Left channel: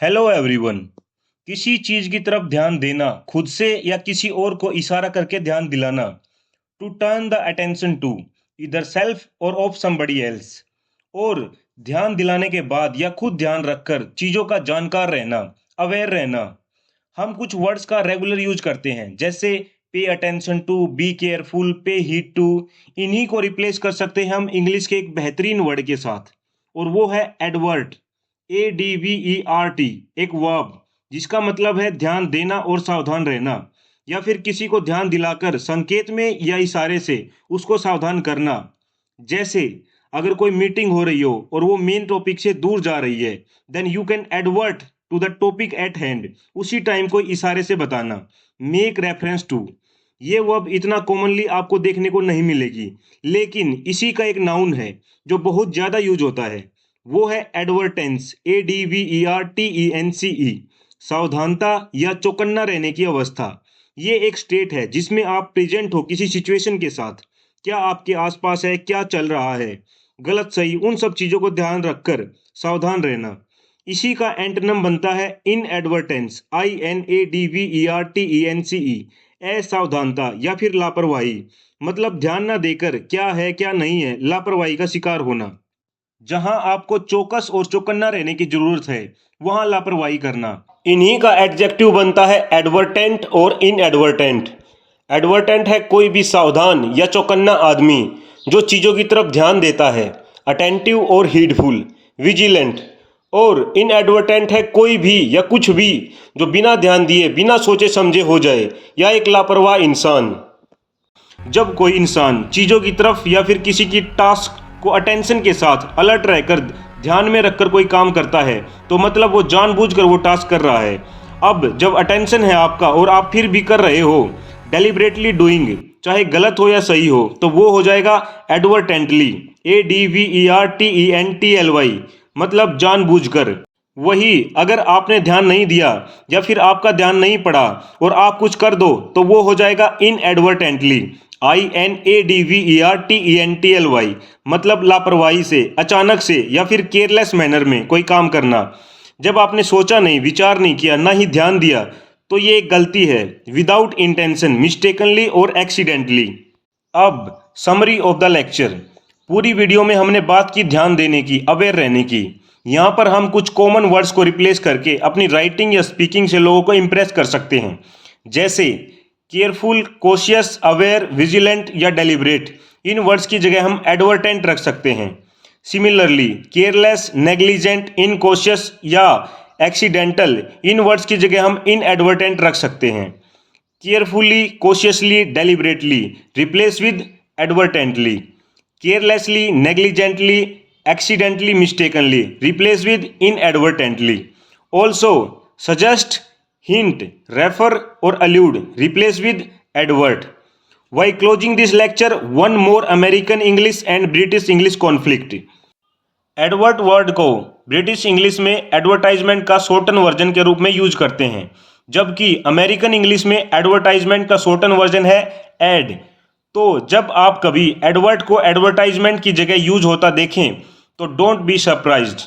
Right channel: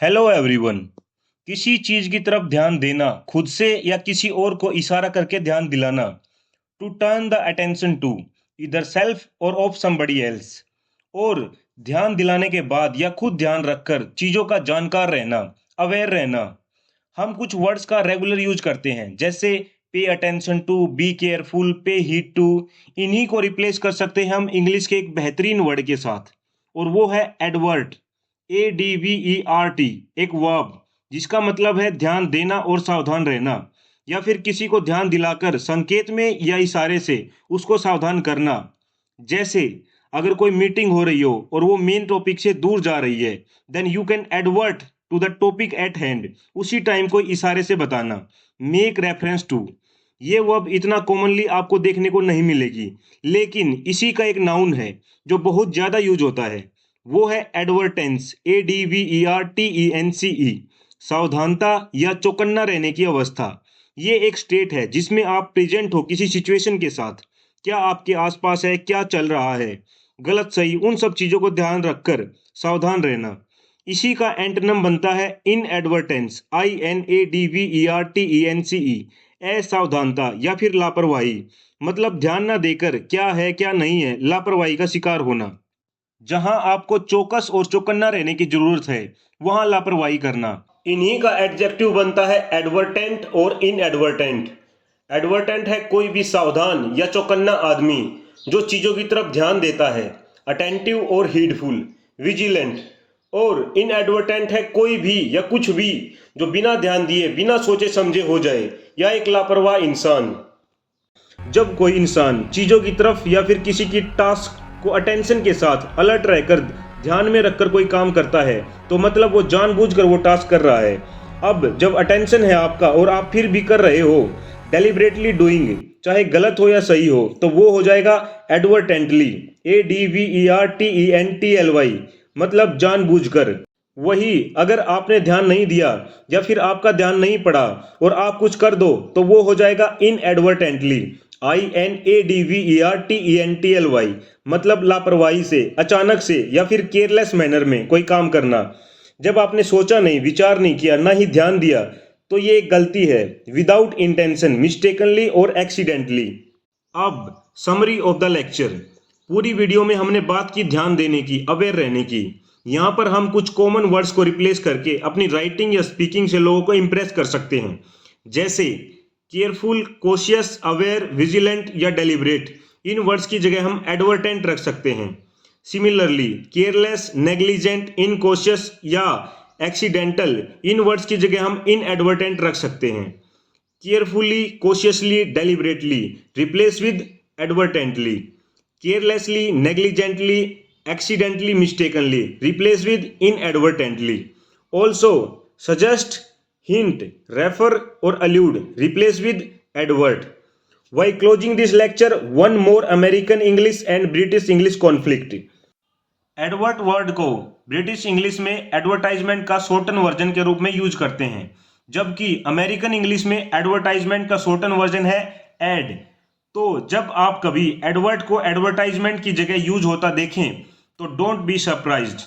Hello everyone. किसी चीज की तरफ ध्यान देना, खुद से या किसी और को इशारा करके ध्यान दिलाना। To turn the attention to इधर सेल्फ और ऑफ समबडी एल्स। और ध्यान दिलाने के बाद या खुद ध्यान रखकर चीजों का जानकार रहना, अवेयर रहना। हम कुछ वर्ड्स का रेगुलर यूज करते हैं, जैसे pay attention to, be careful, pay heed to. इन्हीं को रिप्लेस कर सकते हैं हम इंग्लिश के एक बेहतरीन वर्ड के साथ, और वो है एडवर्ट। ADVERT, एक वर्ब जिसका मतलब है ध्यान देना और सावधान रहना, या फिर किसी को ध्यान दिलाकर संकेत में या इशारे से उसको सावधान करना। जैसे अगर कोई मीटिंग हो रही हो और वो मेन टॉपिक से दूर जा रही है, then you can advert to the topic at hand. उसी टाइम को इशारे से बताना, मेक रेफरेंस टू। ये वर्ब इतना कॉमनली आपको देखने को नहीं मिलेगी, लेकिन इसी का एक नाउन है जो बहुत ज्यादा यूज होता है। वो है एडवर्टेंस, ADVERTENCE। सावधानता या चौकन्ना रहने की अवस्था। ये एक स्टेट है जिसमें आप प्रेजेंट हो किसी सिचुएशन के साथ। क्या आपके आसपास है, क्या चल रहा है, गलत सही, उन सब चीजों को ध्यान रखकर सावधान रहना। इसी का एंटोनिम बनता है इन एडवर्टेंस, INADVERTENCE। असावधानता या फिर लापरवाही, मतलब ध्यान ना देकर क्या है क्या नहीं है, लापरवाही का शिकार होना। जहां आपको चौकस और चौकन्ना रहने की जरूरत है, वहां लापरवाही करना। इन्हीं का एडजेक्टिव बनता है एडवर्टेंट और इनएडवर्टेंट। एडवर्टेंट है कोई भी सावधान या चौकन्ना आदमी जो चीजों की तरफ ध्यान देता है, अटेंटिव और हीडफुल, विजिलेंट। और इनएडवर्टेंट है कोई भी या कुछ भी जो बिना ध्यान दिए, बिना सोचे समझे हो जाए, या एक लापरवाह इंसान। जब कोई इंसान चीजों की तरफ या फिर किसी की टास्क को अटेंशन के साथ अलर्ट रहकर ध्यान में रखकर कोई काम करता है, तो मतलब वो जानबूझकर वो टास्क कर रहा है। अब जब अटेंशन है आपका और आप फिर भी कर रहे हो, डेलिबरेटली डूइंग, चाहे गलत हो या सही हो, तो वो हो जाएगा एडवर्टेंटली, ADVERTENTLY, मतलब जानबूझकर। वही अगर आपने ध्यान नहीं दिया या फिर आपका ध्यान नहीं पड़ा और आप कुछ कर दो, तो वो हो जाएगा इनएडवर्टेंटली, INADVERTENTLY, मतलब लापरवाही से, अचानक से, या फिर केयरलेस मैनर में कोई काम करना। जब आपने सोचा नहीं, विचार नहीं किया, ना ही ध्यान दिया, तो ये एक गलती है। विदाउट इंटेंशन, मिस्टेकनली और एक्सीडेंटली। अब समरी ऑफ द लेक्चर। पूरी वीडियो में हमने बात की ध्यान देने की, अवेयर रहने की। यहाँ पर हम कुछ कॉमन वर्ड्स को रिप्लेस करके अपनी राइटिंग या स्पीकिंग से लोगों को इंप्रेस कर सकते हैं, जैसे केयरफुल, कॉशियस, अवेयर, विजिलेंट या डेलिब्रेट। इन वर्ड्स की जगह हम एडवर्टेंट रख सकते हैं। सिमिलरली केयरलेस, नेग्लिजेंट, इनकॉशियस या एक्सीडेंटल, इन वर्ड्स की जगह हम इनएडवर्टेंट रख सकते हैं। Carefully, cautiously, deliberately replace with advertently. Carelessly, negligently, accidentally, mistakenly replace with inadvertently. Also suggest, hint, refer or allude replace with advert. While closing this lecture, one more American English and British English conflict. Advert word को British English में advertisement का shorten version के रूप में use करते हैं, जबकि American English में एडवर्टाइजमेंट का शॉर्टन वर्जन है एड। तो जब आप कभी एडवर्ट को एडवर्टाइजमेंट की जगह यूज होता देखें, तो डोंट बी सरप्राइज्ड।